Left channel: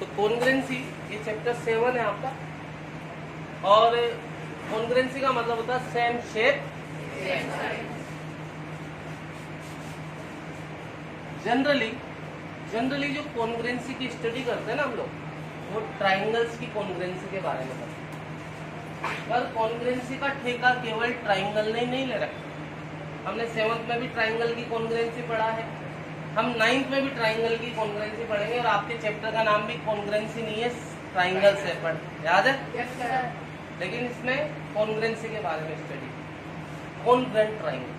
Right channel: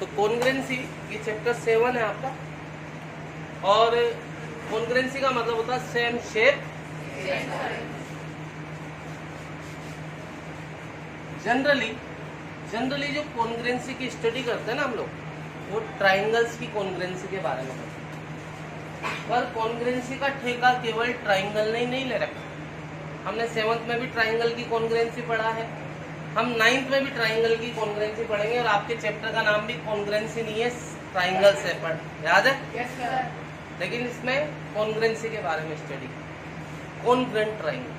तो कॉन्ग्रुएंसी ये चैप्टर 7 है आपका, और कॉन्ग्रुएंसी का मतलब होता है सेम शेप। जनरली जो कॉन्ग्रुएंसी की स्टडी करते हैं ना हम लोग, वो ट्राइंगल्स की कॉन्ग्रुएंसी के बारे में करते हैं। पर कॉन्ग्रुएंसी का ठेका केवल ट्राइंगल ने ही नहीं ले रखा। हमने 7th में भी ट्राइंगल की कॉन्ग्रुएंसी पढ़ा है, हम 9th में भी ट्राइंगल की कॉन्ग्रुएंसी पढ़ेंगे, और आपके चैप्टर का नाम भी कॉन्ग्रुएंसी नहीं है, ट्राइंगल से पढ़ याद है। लेकिन इसमें कॉन्ग्रुएंसी के बारे में स्टडी, कॉन्ग्रुएंट ट्राइंगल।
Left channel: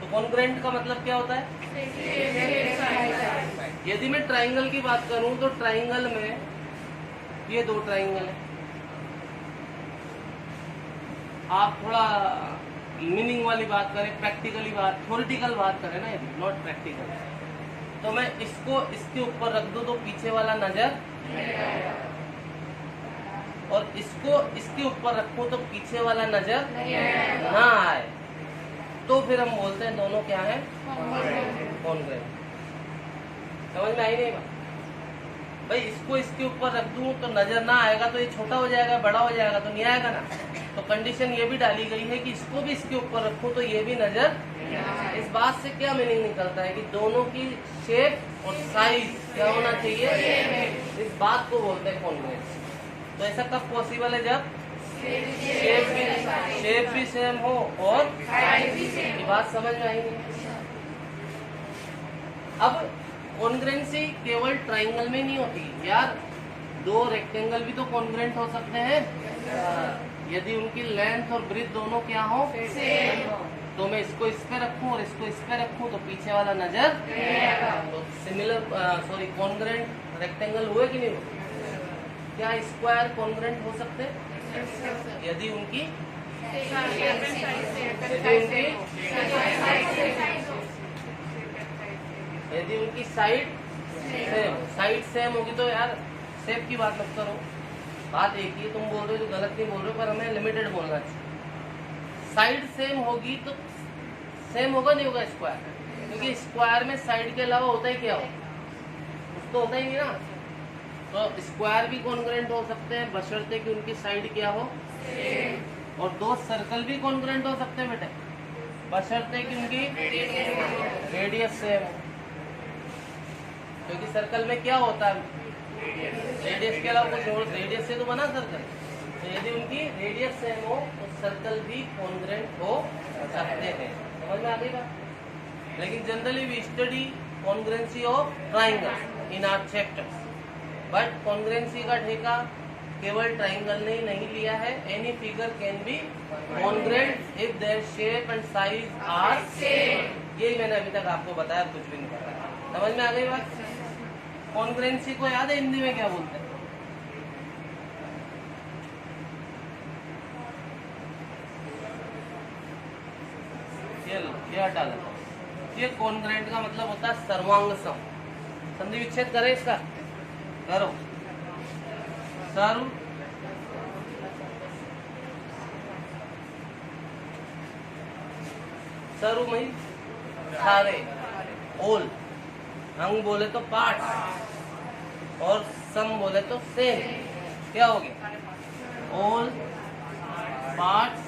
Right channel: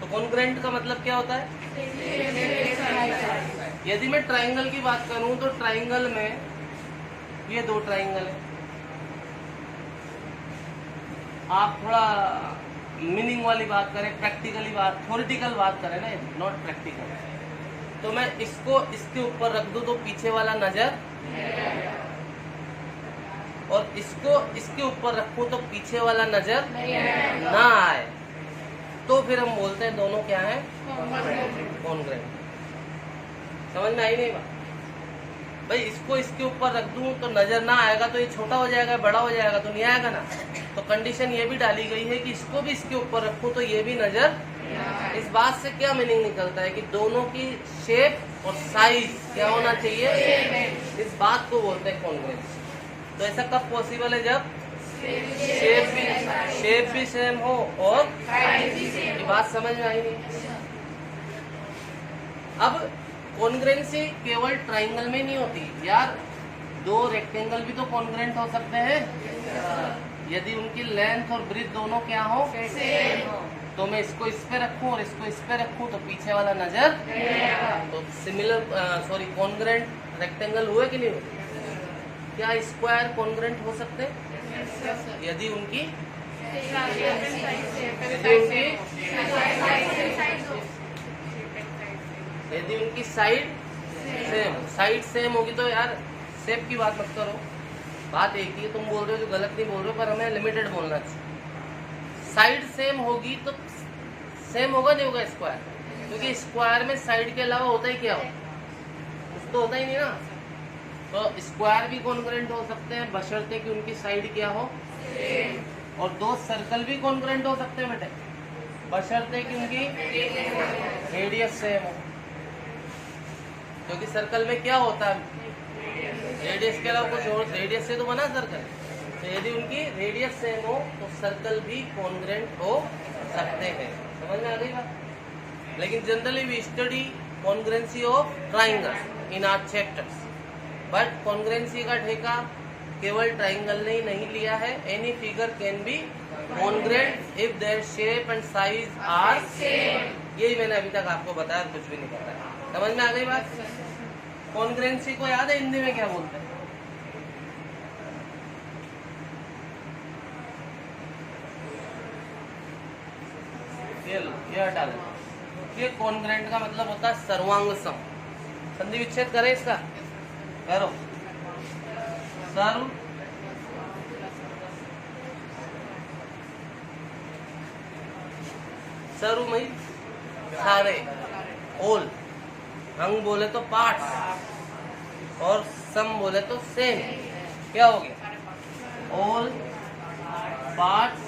तो कॉन्ग्रुएंट का मतलब क्या होता है? यदि मैं ट्राइंगल की बात करूं तो ट्राइंगल में ये 2 ट्राइंगल है। आप थोड़ा मीनिंग वाली बात करें, प्रैक्टिकली बात, थ्योरेटिकल बात करें ना, यदि नॉट प्रैक्टिकल, तो मैं इसको इसके ऊपर रख दूं तो पीछे वाला नजर, और इसको इसके ऊपर रखूं तो पीछे वाला नजर ना आए, तो फिर हम बोलते हैं दोनों क्या है? कॉन्ग्रुएंट। समझ में आई नहीं बात? भाई इसको इसके ऊपर रख दूं तो नजर ना आएगा, तो ये छोटा हो जाएगा, बड़ा हो जाएगा, तो नहीं आएगा ना। तो कंडीशन ये भी डाली गई है कि इसको भी इसके ऊपर रखूं तो ये भी नजर। इस बात से क्या मीनिंग निकलता है कि दोनों की शेप और साइज क्या होना चाहिए, इस बात को बोलते हैं कॉन्ग्रुएंसी। तो ऐसा कब पॉसिबल है? जब शेप भी सेम हो और ये बात समझ में आएगी। अब कॉन्ग्रुएंसी केवल ट्राइंगल में नहीं होती यार, 2 रेक्टेंगल भी तो कॉन्ग्रुएंट हो सकते हैं यदि उनकी लेंथ और ब्रेथ दोनों क्या हो, तो मैं इसको इस पे रखूं और इसको इस पे रखूं तो पीछे वाला नजर, तो सिमिलर कॉन्ग्रुएंट रेक्टेंगल हुए कि नहीं हुए? क्या स्क्वायर कॉन्ग्रुएंट हो सकते यदि उनकी यदि उनकी साइड सेम होगी? तो यार शेप की बात मत करो, बात एक ही, तुम बोल रहे हो तो गलत नहीं बोल रहे हो, पर हमें लिमिटेड बोलना चाहिए। साइड सेम होगी तो सेम होगा नहीं होगा स्क्वायर, क्योंकि स्क्वायर में साइड के अलावा होता है क्या? कुछ तो होता ही नहीं ना। तो स्क्वायर भी कॉन्ग्रुएंट हो सकते हैं बशर्ते कि उनकी साइड क्या हो, और 2 सर्कल भी कॉन्ग्रुएंट हो सकते हैं बेटे, बशर्ते कि उनकी रेडियस सेम हो। क्योंकि सर्कल में क्या होता है, रेडियस के अलावा कुछ और, रेडियस से तो बना सर्कल। तो यदि उनकी रेडियस सेम हो तो सर्कल भी कॉन्ग्रुएंट हो सकते हैं। समझ में आ गई बात? लेकिन generally we study congruency of triangle in our chapters, but congruency का ठेका केवल ट्राइंगल ने ही नहीं लिया है। Any figure can be congruent if their shape and size are same. यही मैंने अभी तक आपको बताया, कुछ भी नहीं बताया। समझ में आ गई बात? कॉन्ग्रुएंसी को याद है हिंदी में क्या बोलते हैं? ये हटा दे। ये कॉन्ग्रुएंट का मतलब होता है सर्वांग सम। संधि विच्छेद करें इसका, करो। सर्व सर्व में सारे, ऑल, अंग बोले तो पार्ट्स, और सम बोले तो सेम। क्या हो गया? All parts.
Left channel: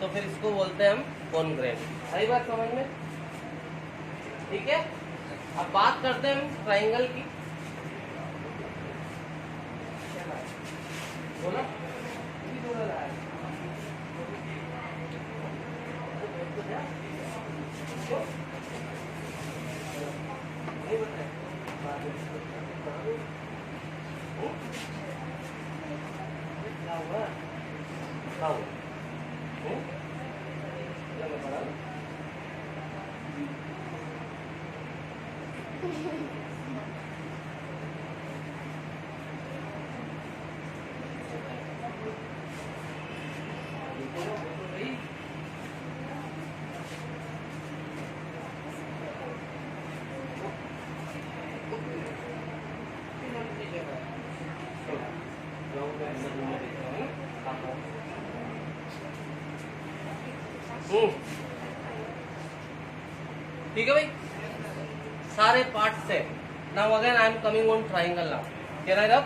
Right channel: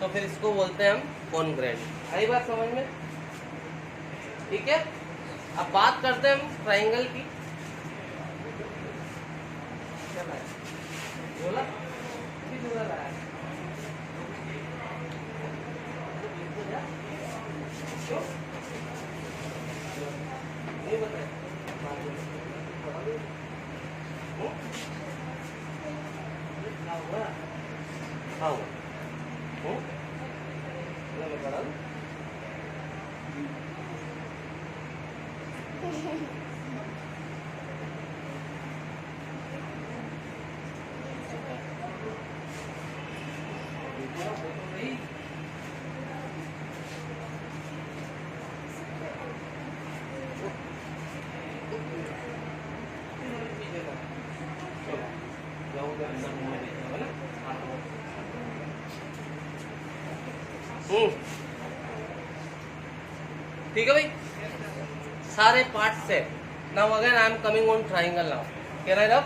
तो फिर इसको बोलते हैं हम कॉन्ग्रुएंट। सही बात समझ में? ठीक है। अब बात करते हैं हम ट्राइंगल की। बोला नहीं बताया क्या हुआ? ठीक है भाई, सारे पार्ट से now again I am coming on triangle now. Can I रब?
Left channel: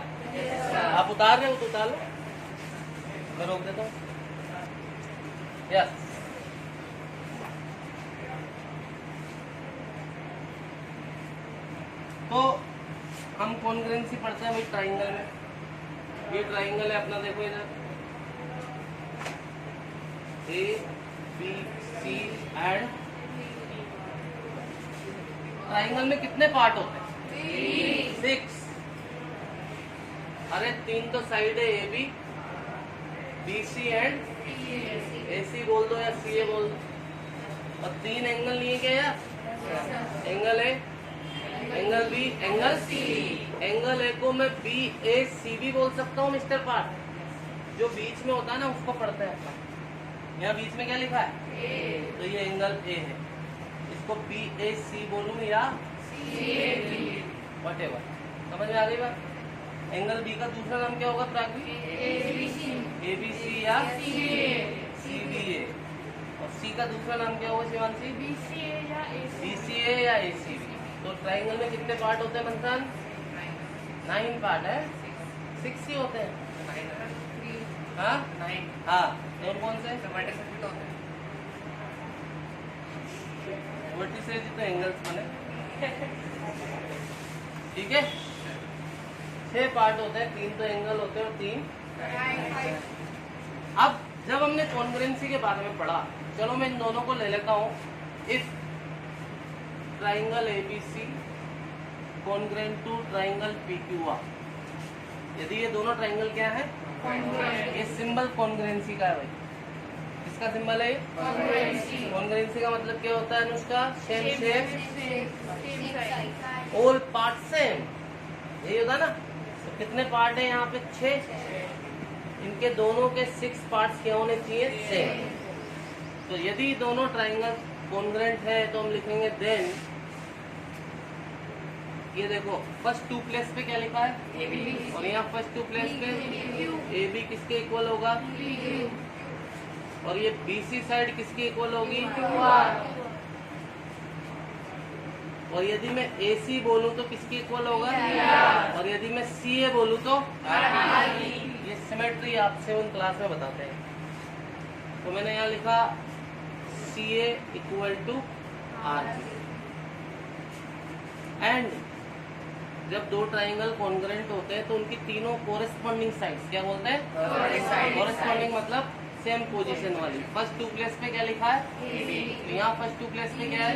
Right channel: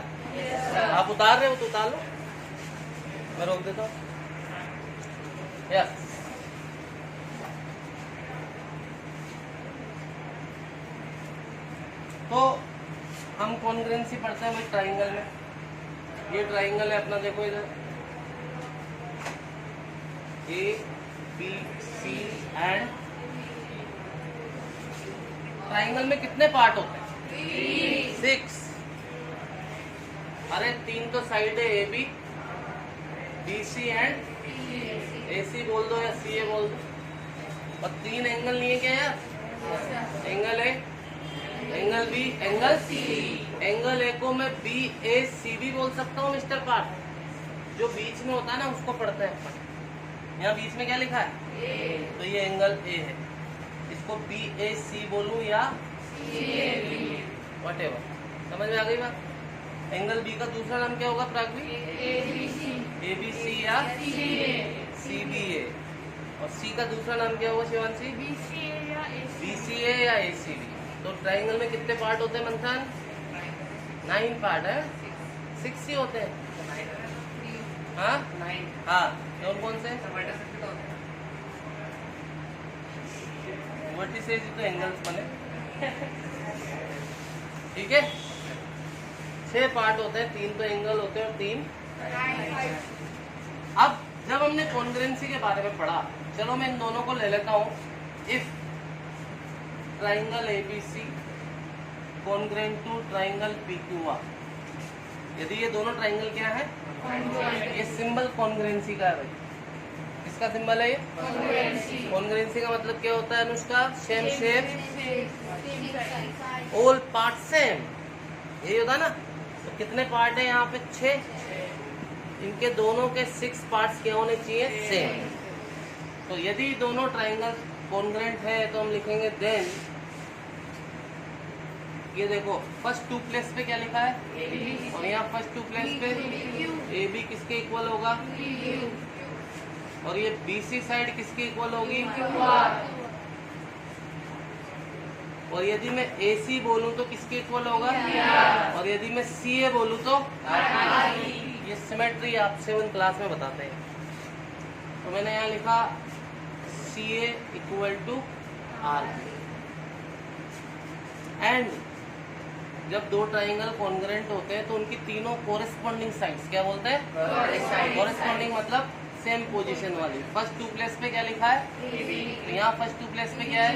आप उतार रहे हो तो उतार लो, मैं रोक देता हूँ। यस, तो हम कॉन्ग्रुएंसी पढ़ते हैं भाई ट्राइंगल में। ये ट्राइंगल है अपना, देखो इधर A B C and. Triangle में कितने पार्ट होते हैं? 6। अरे 3 तो साइड है, A B, B C and A C बोल दो या सी ए बोल दो। और 3 एंगल लिए क्या यार? Angle A, angle B, angle C. Angle A को मैं बी ए सी भी बोल सकता हूँ मिस्टर पार्ट। जो बीच में होता है ना उसको पढ़ते हैं। यहाँ बीच में क्या लिखा है? ए। तो ये एंगल ए है, इसको बी ए सी बोलूँ या वट एवर। समझ में आ गई बात? एंगल बी का दूसरा नाम क्या होगा प्राग्वी? ए बी सी या सी बी ए। और सी का दूसरा नाम क्या होगा शिवांशी? बी सी ए या ए सी बी। तो ट्राइंगल में कितने पार्ट होते हैं मंथन? 9 पार्ट है। 6 ही होते हैं। हाँ, कौन कौन से? वर्टिसेज तो एंगल्स बने। ठीक है, 6 पार्ट होते हैं, 3 तो एंगल होते हैं और 3। अब जब हमने कॉन्ग्रुएंसी के बारे में पढ़ा, चलो मैं इन दोनों को ले लेता हूँ। If triangle ABC congruent to triangle PQR, यदि ये दोनों ट्राइंगल क्या है? ये सिंबल कॉन्ग्रुएंसी का है भाई। इसका सिंबल है कॉन्ग्रुएंसी का मतलब क्या होता है Anushka? Same shape, all part same, यही होता है ना। तो कितने पार्ट है यहाँ पे? 6। इनके दोनों के 6 पार्ट्स क्या होने चाहिए? सेम। तो यदि दोनों ट्राइंगल कॉन्ग्रुएंट है तो हम लिखेंगे देन, ये देखो फर्स्ट 2 प्लेस पे क्या लिखा है? और यहाँ फर्स्ट 2 प्लेस पे ए बी किसके इक्वल होगा? और ये बीसी साइड किसकी इक्वल होगी? और यदि मैं ए सी बोलूँ तो किसकी इक्वल होगा? और यदि मैं सी ए बोलूँ तो? ये सिमेट्री आप 7th क्लास में बताते हैं। तो मैंने यहाँ लिखा सी ए इक्वल टू आर। एंड जब 2 ट्राइंगल कॉन्ग्रुएंट होते हैं तो उनकी तीनों कोरिस्पॉन्डिंग साइड्स क्या बोलते हैं? कोरिस्पॉन्डिंग मतलब सेम पोजीशन वाली। फर्स्ट 2 प्लेस पे क्या लिखा है? तो यहाँ फर्स्ट 2 प्लेस पे क्या है?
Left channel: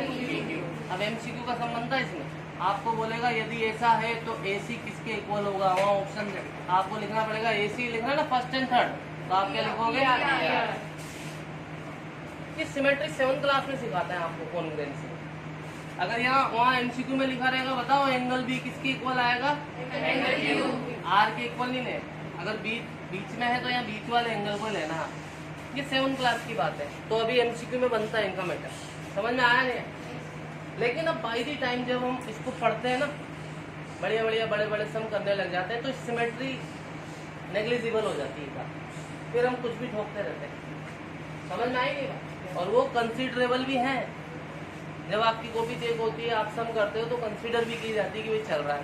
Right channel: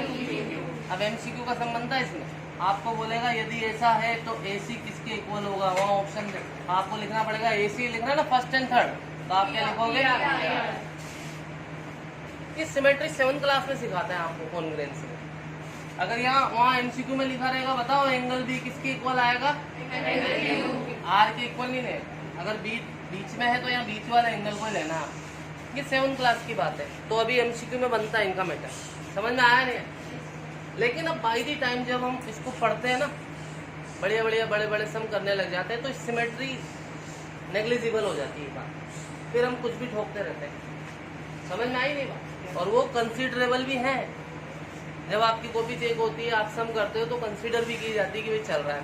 अब एमसीक्यू का संबंध था इसमें। आपको बोलेगा यदि ऐसा है तो एसी किसके इक्वल होगा? वहाँ ऑप्शन आपको लिखना पड़ेगा, एसी लिखना ना फर्स्ट एंड थर्ड, तो आप क्या लिखोगे? ये सिमेट्री 7th क्लास में सिखाते हैं आपको कॉन्ग्रुएंसी। अगर यहाँ वहाँ एमसीक्यू में लिखा रहेगा, बताओ एंगल बी किसके इक्वल आएगा? आर के इक्वल नहीं लेगा। अगर बीच में है तो यहाँ बीच वाले एंगल को लेना। ये 7th क्लास की बात है। तो अभी एमसीक्यू में बनता है इनका मैटर। समझ में आया नहीं? लेकिन अब बाई दी टाइम जब हम इसको पढ़ते हैं ना, बड़े बड़े सम करने लग जाते हैं तो सिमेट्री नेग्लिजिबल हो जाती है बात। फिर हम कुछ भी ठोकते रहते हैं। समझ में आई नहीं बात? और वो कंसिडरेबल भी है। जब आपकी कॉपी चेक होती है, आप सम करते हो तो कंसीडर भी की जाती है कि भाई चल रहा है।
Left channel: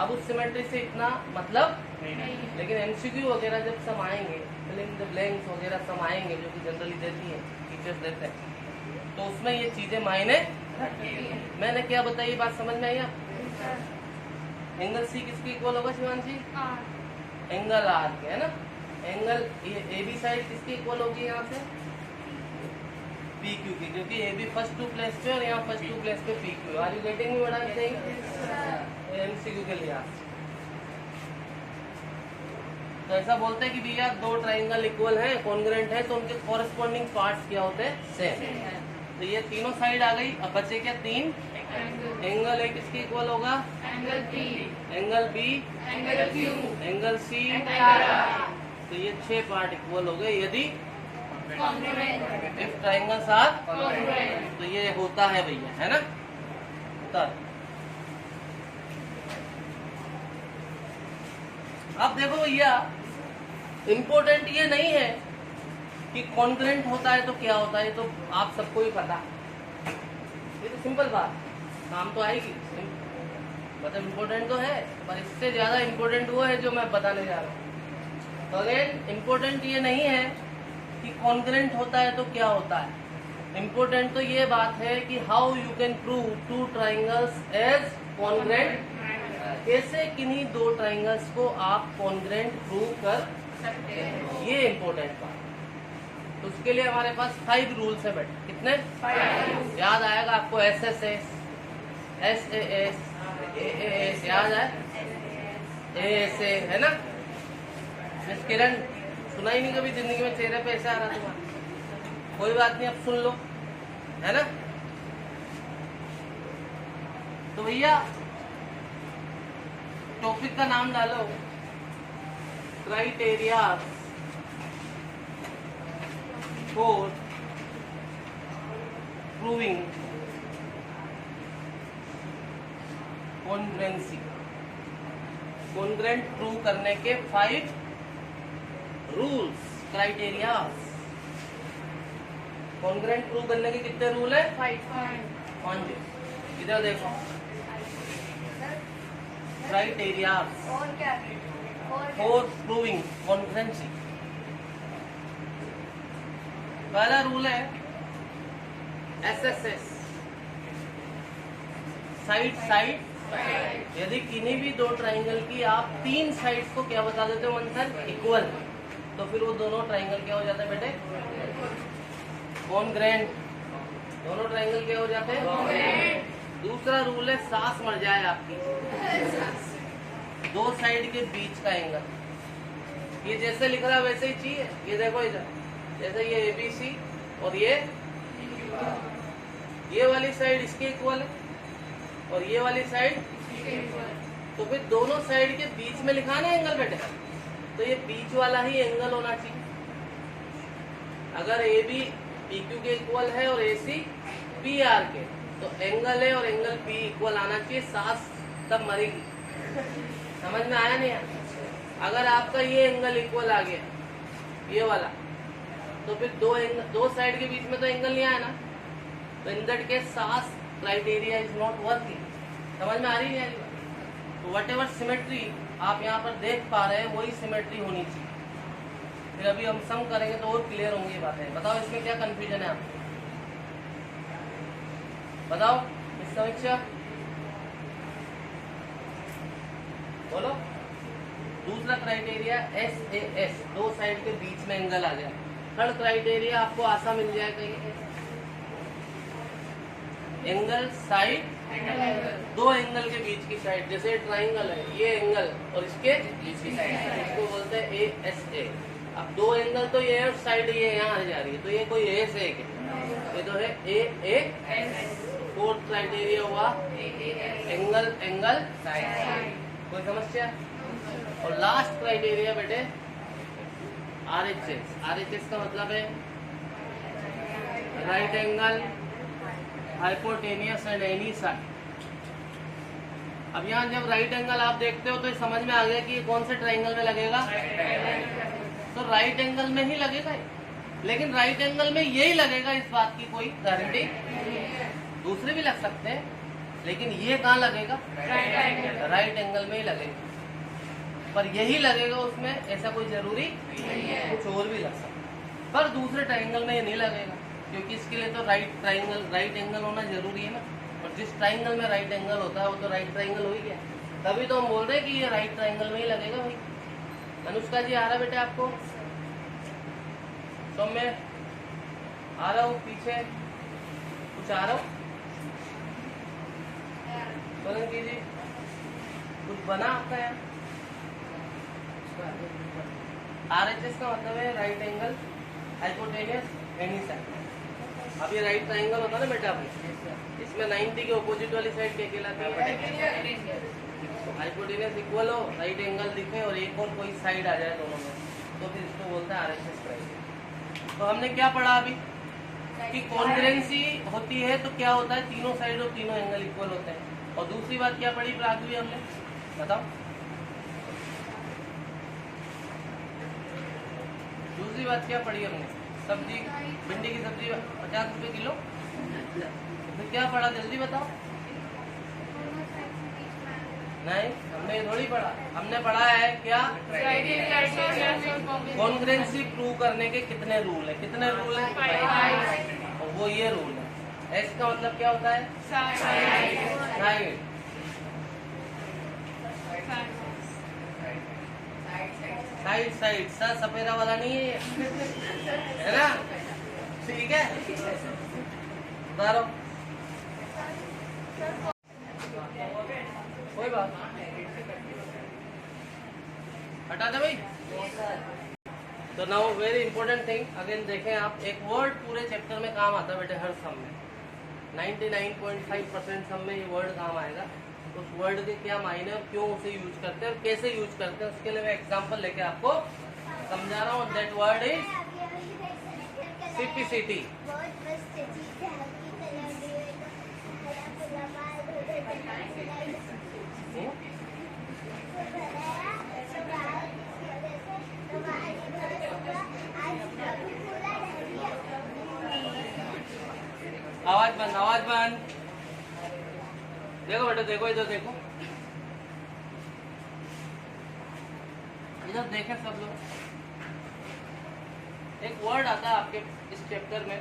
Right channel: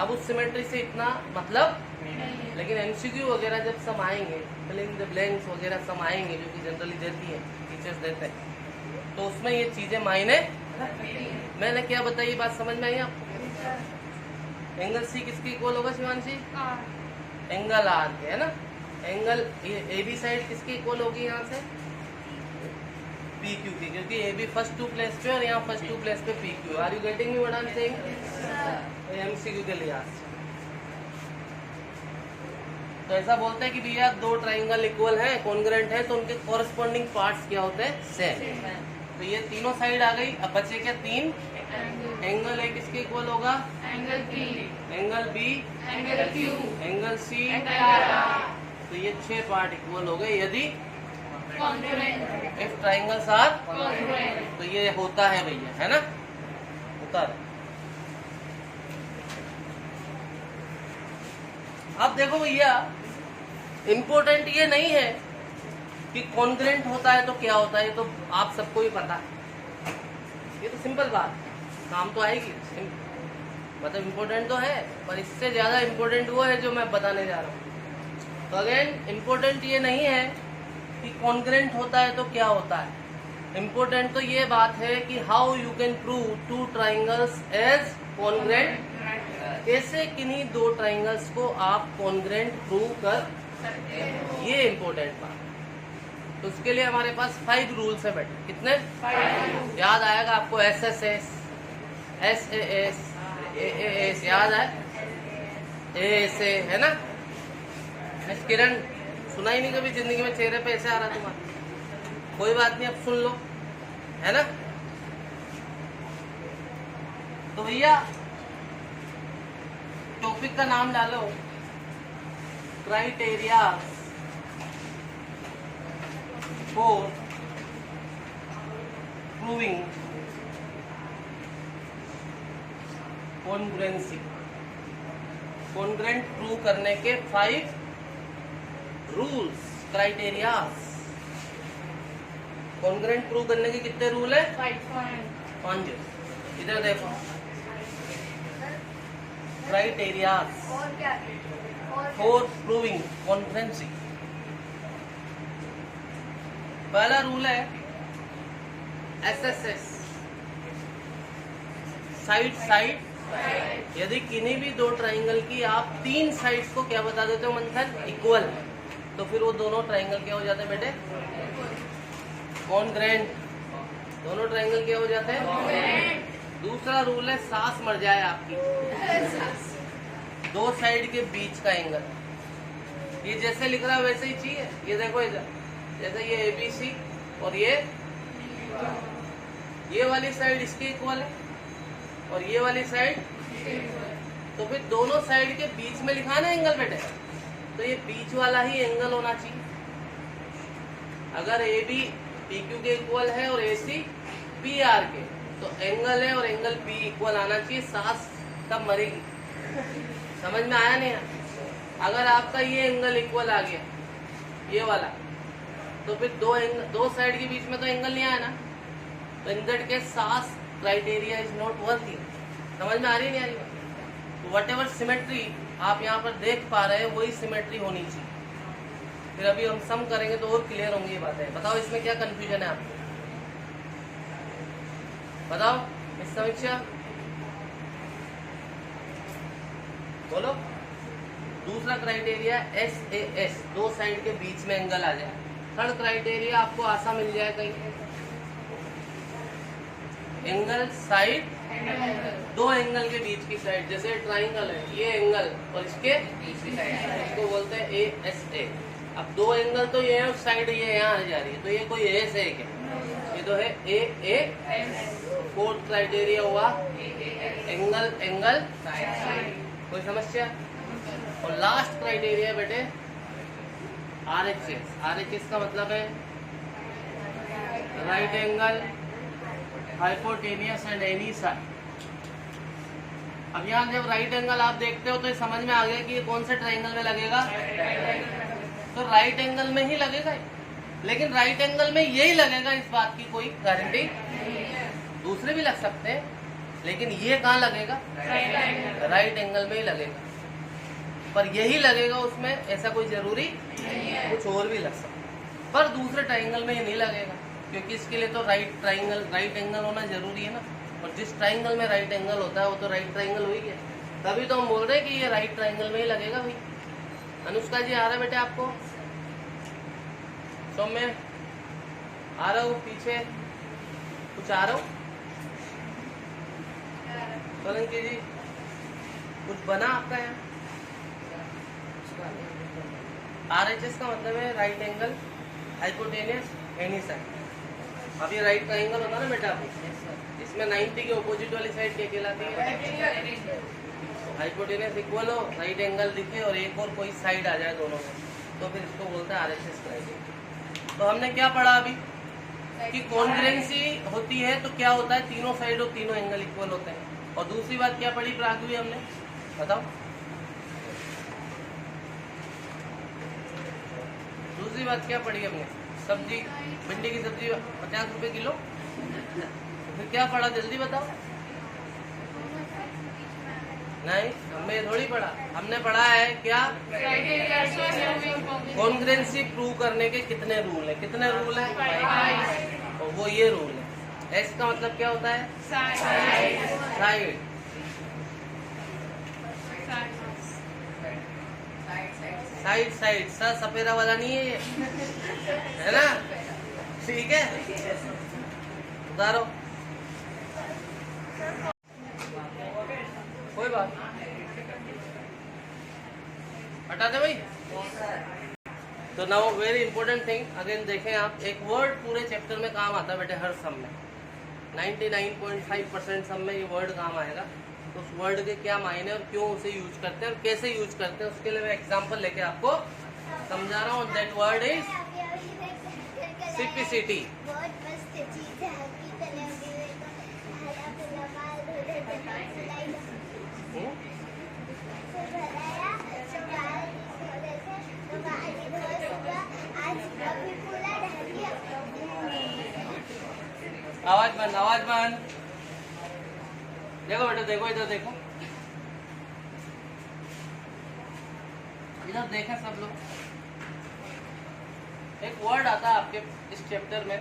अब उस सिमेट्री से इतना मतलब नहीं। लेकिन एमसीक्यू वगैरह जब सम आएंगे, फिल इन द ब्लैंक्स वगैरह सम आएंगे जो कि जनरली देती है, टीचर्स देते हैं, तो उसमें ये चीजें मायने रखती हैं। मैंने क्या बताई, बात समझ में आई आपको? एंगल सी किसके इक्वल होगा शिवांशी? एंगल आर के, है ना। एंगल ए बी साइड किसकी इक्वल होगी? यहाँ से पी क्यू की, क्योंकि ए बी फर्स्ट 2 प्लेस पे और यहाँ फर्स्ट 2 प्लेस पे P Q. Are you getting me what I am saying? MCQ के लिए तो ऐसा बोलते हैं कि भैया 2 ट्राइंगल इक्वल है, कॉन्ग्रुएंट है, तो उनके कॉरेस्पॉन्डिंग पार्ट्स क्या होते हैं? सेम। तो ये तीनों साइड आ गई। अब बचे क्या? 3 एंगल ए किसके इक्वल होगा? Angle B, angle Q, angle C. तो ये 6 पार्ट इक्वल हो गए यदि इफ ट्राइंगल्स आर कॉन्ग्रुएंट। तो ये होता है भैया, है ना, होता है। अब देखो भैया, इम्पोर्टेंट ये नहीं है कि कॉन्ग्रुएंट होता है तो क्या होता है, तो आप सबको ही पता है। ये तो सिंपल बात, काम तो आएगी। मतलब इम्पोर्टेंट तो है, पर इससे ज्यादा इम्पोर्टेंट वो है जो मैं बताने जा रहा हूँ। तो अगेन इम्पोर्टेंट ये नहीं है कि कॉन्ग्रेंट होता है तो क्या होता है, इम्पोर्टेंट तो ये बात है कि how you can prove two triangles as congruent, कैसे किन्हीं दो ट्राइंगल्स को आप कॉन्ग्रेंट प्रूव कर सकते हैं, ये इम्पोर्टेंट बात। तो उसके लिए हमारे पास 5 रूल्स है बेटा। कितने? 5 याद आएगा आपको। SSS, SAS, AAS याद है, ASA है ना। मिस किरण सुना ही नहीं कभी जिंदगी में, चेहरे पे ऐसे आ रहा तुम्हारा। कोई बात नहीं, अब सुन लो, है ना। तो भैया टॉपिक का नाम डालो criteria for proving कॉन्ग्रेंसी। Congruent prove करने के 5 रूल्स, क्राइटेरियाज। कॉन्ग्रेंट प्रूव करने के कितने रूल है? 5। इधर देखो, क्राइटेरियाज फॉर प्रूविंग कॉन्ग्रेंसी। पहला रूल है SSS, साइड साइड। यदि किन्हीं भी दो ट्राइंगल की आप 3 साइड्स को क्या बता देते हो मंथन? इक्वल, तो फिर वो दोनों ट्राइंगल क्या हो जाते हैं बेटे? कॉन्ग्रेंट। दोनों ट्राइंगल क्या हो जाते हैं? दूसरा रूल है सांस मर जाए आपकी, 2 साइड के बीच का एंगल। ये जैसे लिख रहा है वैसे ही चाहिए। ये देखो इधर, जैसे ये ABC और ये वाली साइड इसके इक्वल है और ये वाली साइड, तो फिर दोनों साइड के बीच में लिखा है ना एंगल बेटे, तो ये बीच वाला ही एंगल होना चाहिए। अगर AB PQ के इक्वल है और AC PR के, तो एंगल है और एंगल P इक्वल आना चाहिए। सांस तब मरेगी। समझ में आया नहीं? अगर आपका ये एंगल इक्वल आ गया, ये वाला, तो फिर दो साइड के बीच में तो एंगल नहीं आया ना, तो इन दैट केस सांस क्राइटेरिया इज नॉट वर्किंग। समझ में आ रही नहीं आ रही? वट एवर सिमेट्री आप यहाँ पर देख पा रहे हैं वही सिमेट्री होनी चाहिए। फिर अभी हम सम करेंगे तो और क्लियर होंगी ये बातें। बताओ इसमें क्या कंफ्यूजन है आपको? बताओ इस समीक्षा, बोलो। दूसरा क्राइटेरिया SAS, 2 साइड के बीच में एंगल आ जाए। थर्ड क्राइटेरिया आपको आशा मिल जाए कहीं, एंगल साइड, 2 एंगल के बीच की साइड। जैसे ट्राइंगल है, ये एंगल और इसके बीच की साइड, इसको बोलते हैं ASA। अब 2 एंगल तो ये है, साइड ये यहाँ आ जा रही है, तो ये कोई ASA है क्या? ये तो है AAS। फोर्थ क्राइटेरिया हुआ एंगल साइड। कोई समस्या? और लास्ट क्राइटेरिया बेटे RHS। RHS का मतलब है right angle, hypotenuse and any side. अब यहाँ जब राइट एंगल आप देखते हो तो ये समझ में आ गया कि ये कौन से ट्राइंगल में लगेगा? तो राइट एंगल में ही लगेगा। लेकिन राइट एंगल में यही लगेगा, इस बात की कोई गारंटी? दूसरे भी लग सकते हैं, लेकिन ये कहाँ लगेगा? राइट एंगल में ही लगेगा। पर यही लगेगा उसमें, ऐसा कोई जरूरी नहीं है, कुछ और भी लग सकता है। पर दूसरे ट्राइंगल में ये नहीं लगेगा, क्योंकि इसके लिए तो राइट एंगल होना जरूरी है ना। और जिस ट्राइंगल में राइट एंगल होता है वो तो राइट ट्राइंगल हो ही गया। तभी तो हम बोल रहे हैं कि ये राइट ट्राइंगल में ही लगेगा भाई। अनुष्का जी आ रहा है बेटे आपको? सौम्य आ रहा हो? पीछे कुछ आ रहा हो? सोलंकी जी कुछ बना आपका यहाँ? RHS का मतलब है right angle, hypotenuse, any side. अब ये राइट ट्राइंगल होता है ना बेटा, इसमें 90 के ऑपोजिट वाली साइड क्या कहलाती है? हाइपोटेनियस इक्वल हो, राइट एंगल दिखे और एक और कोई साइड आ जाए दोनों में, तो फिर इसको बोलते हैं RHS क्राइटेरिया। तो हमने क्या पढ़ा अभी कि कॉन्ग्रेंसी होती है तो क्या होता है? तीनों साइड और तीनों एंगल इक्वल होते हैं। और दूसरी बात क्या पढ़ी प्रागवी हमने? बताओ दूसरी बात क्या पढ़ी हमने? सब्जी, भिंडी की सब्जी 50 रुपए किलो। फिर क्या पढ़ा? जल्दी बताओ। नहीं, हमने थोड़ी पढ़ा। हमने पढ़ा है क्या, कॉन्ग्रेंसी प्रूव करने के कितने रूल है, कितने रूल है, तो वो ये रूल है। एक्स का मतलब क्या होता है, साइड। साइड साइड सा सफेदा वाला नहीं है ना, ठीक है। उतारो, कोई बात हटा दे भाई। तो now very important thing again देखें आप, एक वर्ड पूरे चैप्टर में काम आता है बेटे, हर सम में 99.5% सम में ये वर्ड काम आएगा। उस वर्ड के क्या मायने और क्यों उसे यूज करते हैं और कैसे यूज करते हैं, उसके लिए मैं एग्जांपल लेके आपको समझा रहा हूँ। That word is simplicity. आवाज बंद, आवाज बंद। देखो बेटा, देखो इधर देखो, इधर देखें सब लोग। एक वर्ड आता है आपके इस चैप्टर में,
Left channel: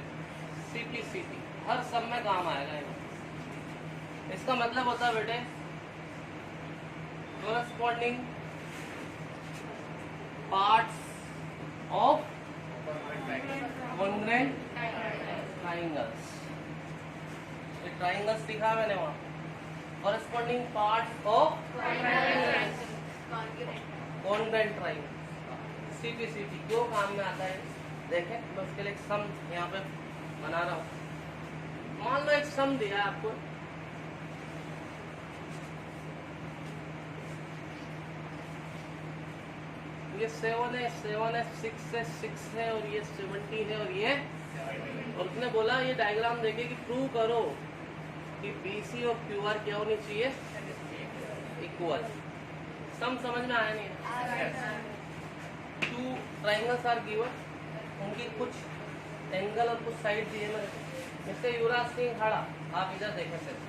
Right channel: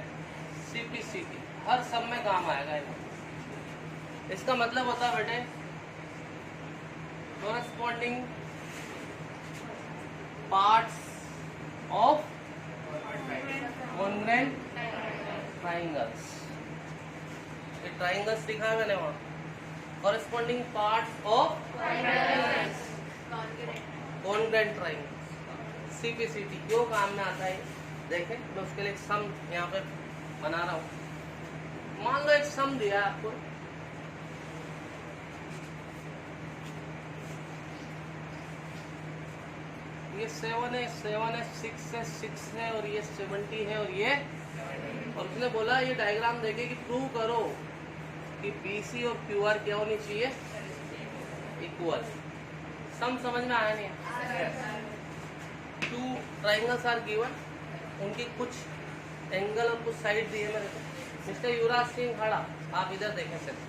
सीपीसीटी, हर सब में काम आएगा। इसका मतलब होता है बेटे corresponding parts of congruent triangles। ये ट्राइंगल्स दिखा है मैंने वहाँ, corresponding parts of congruent triangles, CPCT क्यों काम में आता है देखें। तो उसके लिए एक सम यहाँ पे बना रहा हूँ। मान लो एक सम दिया आपको, ये 7 है, 7 है, 6 है, 6 है और ये 70 है और ये, और उसने बोला ये डायग्राम देखे कि प्रूव करो कि BC और QR क्या होनी चाहिए, इक्वल। सम समझ में आया नहीं। 2 ट्राइंगल्स आर गिवन, उनकी कुछ एंगल और कुछ साइड दिए मेरे को। मिस्टर युवराज सिंह खड़ा, आप इधर देखें सिर्फ,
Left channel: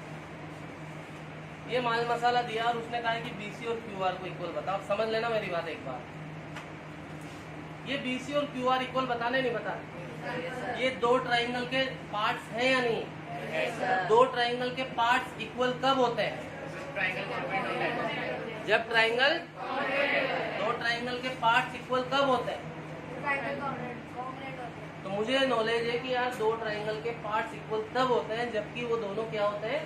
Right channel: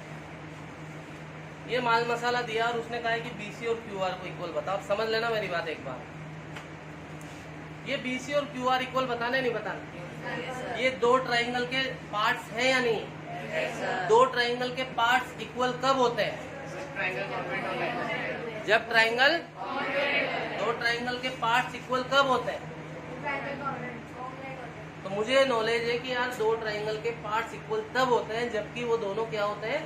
ये माल मसाला दिया और उसने कहा कि BC और QR को इक्वल बताओ। आप समझ लेना मेरी बात एक बार, ये BC और QR इक्वल बताने नहीं बता, ये 2 ट्राइंगल के पार्ट्स हैं या नहीं। 2 ट्राइंगल के पार्ट्स इक्वल कब होते हैं, जब ट्राइंगल, 2 ट्राइंगल के पार्ट्स इक्वल कब होते हैं। तो मुझे नॉलेज है कि यार 2 ट्राइंगल के पार्ट्स इक्वल तब होते हैं जबकि वो दोनों क्या होते हैं,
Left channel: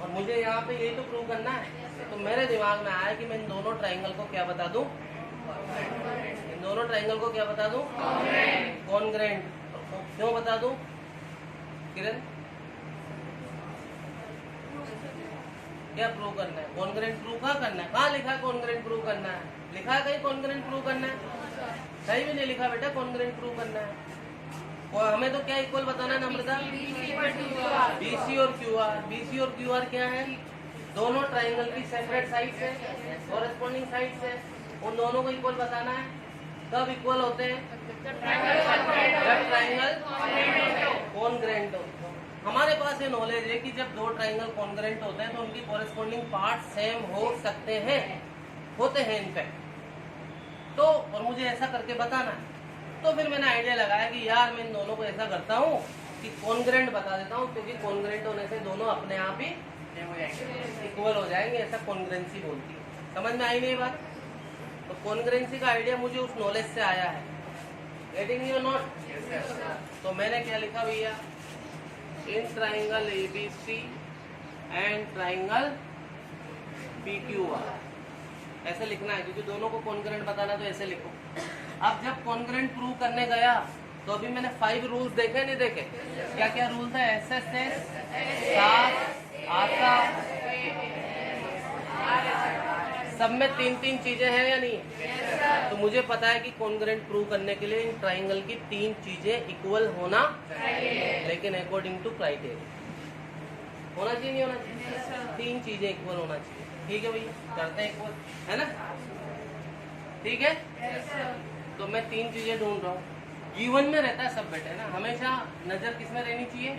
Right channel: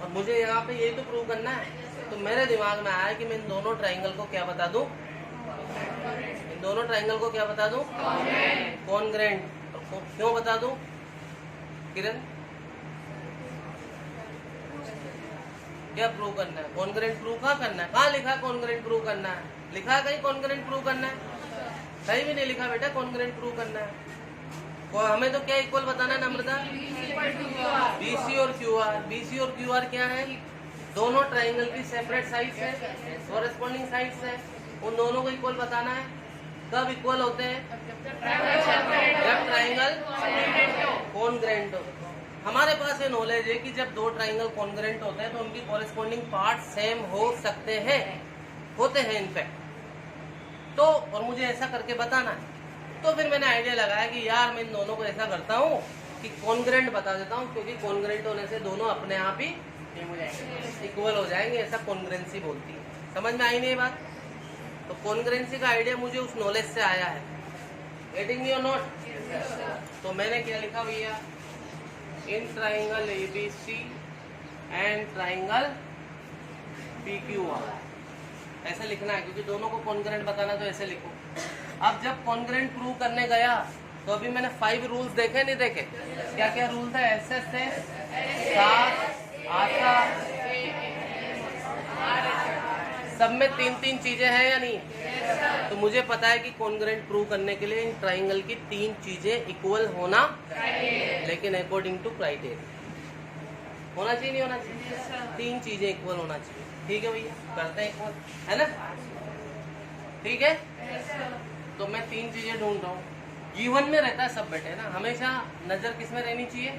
और मुझे यहाँ पे यही तो प्रूव करना है। तो मेरे दिमाग में आया कि मैं इन दोनों ट्राइंगल को क्या बता दूं, इन दोनों ट्राइंगल को क्या बता दूं, कॉन्ग्रेंट। तो क्यों बता दूं किरण, क्या प्रूव करना है, कॉन्ग्रेंट प्रूव कहाँ करना है, कहाँ लिखा कॉन्ग्रेंट प्रूव करना है, लिखा कहीं कॉन्ग्रेंट प्रूव करना है, कहीं भी नहीं लिखा बेटा कॉन्ग्रेंट प्रूव करना है। और हमें तो क्या इक्वल बताना है नम्रता, BC और QR। BC और QR क्या है, दोनों ट्राइंगल की सेपरेट साइड्स है, कॉरेस्पॉन्डिंग साइड्स है, उन दोनों को इक्वल बताना है। कब इक्वल होते हैं, जब ट्राइंगल कॉन्ग्रेंट हो। हमारे पास ये नॉलेज है कि जब 2 ट्राइंगल कॉन्ग्रेंट होते हैं तो उनकी कॉरेस्पॉन्डिंग पार्ट सेम हो सकते हैं, होते हैं इनफैक्ट। तो और मुझे ऐसा करके बताना है। तो फिर मैंने आइडिया लगाया कि यार मैं इन दोनों को ऐसा करता हूँ कि कॉन्ग्रेंट बता देता हूँ, क्योंकि कॉन्ग्रेंट होने से दोनों अपने आप ही इक्वल हो जाएंगे, ऐसा कॉन्ग्रेंसी बोलती है। समझ में आई नहीं बात। तो कॉन्ग्रेंसी का आइडिया मुझे उस नॉलेज से आया है। गेटिंग मी और नॉट। तो मैंने क्या लिखा भैया, in triangle ABC and triangle PQR, ऐसे लिखना है क्योंकि दोनों को कॉन्ग्रेंट बताना, तो ऐसे लिखो। अब जब कॉन्ग्रेंट प्रूव करने गया तो अभी मैंने 5 रूल्स देखे नहीं देखे, क्या क्या रूल था, SSS, साथ आता, सब में 3-3 चीजें हैं या नहीं। तो मुझे पता है कि कॉन्ग्रेंट प्रूव करने के लिए इन ट्राइंगल की 3 चीजें इक्वल होना, लेकिन अकॉर्डिंग टू क्राइटेरिया होना चाहिए, नहीं होना चाहिए, 3 चीजें इक्वल होना चाहिए। ठीक है भैया, करते हैं इक्वल, है ना, ठीक है। तो मैं 3 चीजें ढूंढ रहा हूँ, गिवन में रहता है सब बेटे ना, हमेशा नजर किस में रहनी चाहिए,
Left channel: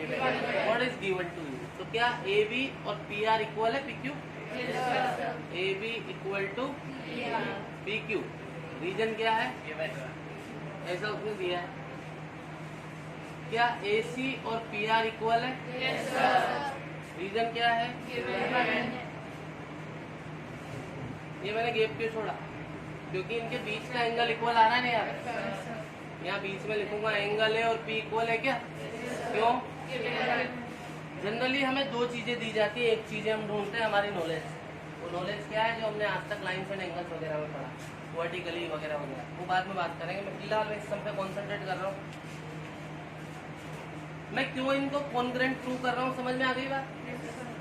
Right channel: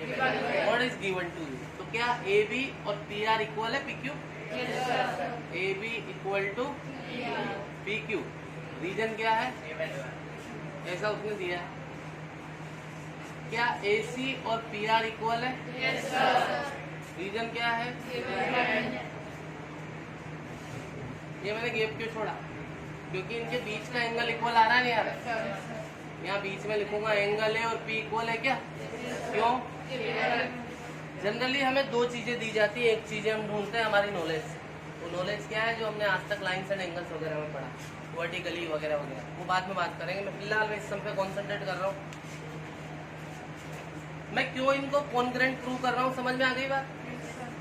what is given to you. तो क्या AB और PR इक्वल है PQ, A B equal to P Q. Reason क्या है? ऐसा उसने दिया है। क्या ए सी और पी आर इक्वल है? रीजन क्या है? ये मैंने गैप क्यों छोड़ा? क्योंकि इनके बीच का एंगल इक्वल आ रहा है यार। यहाँ बीच में लिखूंगा एंगल है और पी इक्वल है क्या? क्यों? जनरली हमें दो चीजें दी जाती है, एक चीजें हम ढूंढते हैं हमारी नॉलेज। वो नॉलेज क्या है? जो हमने आज तक लाइन्स एंड एंगल्स वगैरह में पढ़ा, वर्टिकली वगैरह वगैरह, वो बाद में बात करेंगे। मैं फिलहाल इस सब पे कॉन्सेंट्रेट कर रहा हूँ। मैं क्यों इनको कॉन्ग्रेंट प्रूव कर रहा हूँ, समझ में आ गई बात?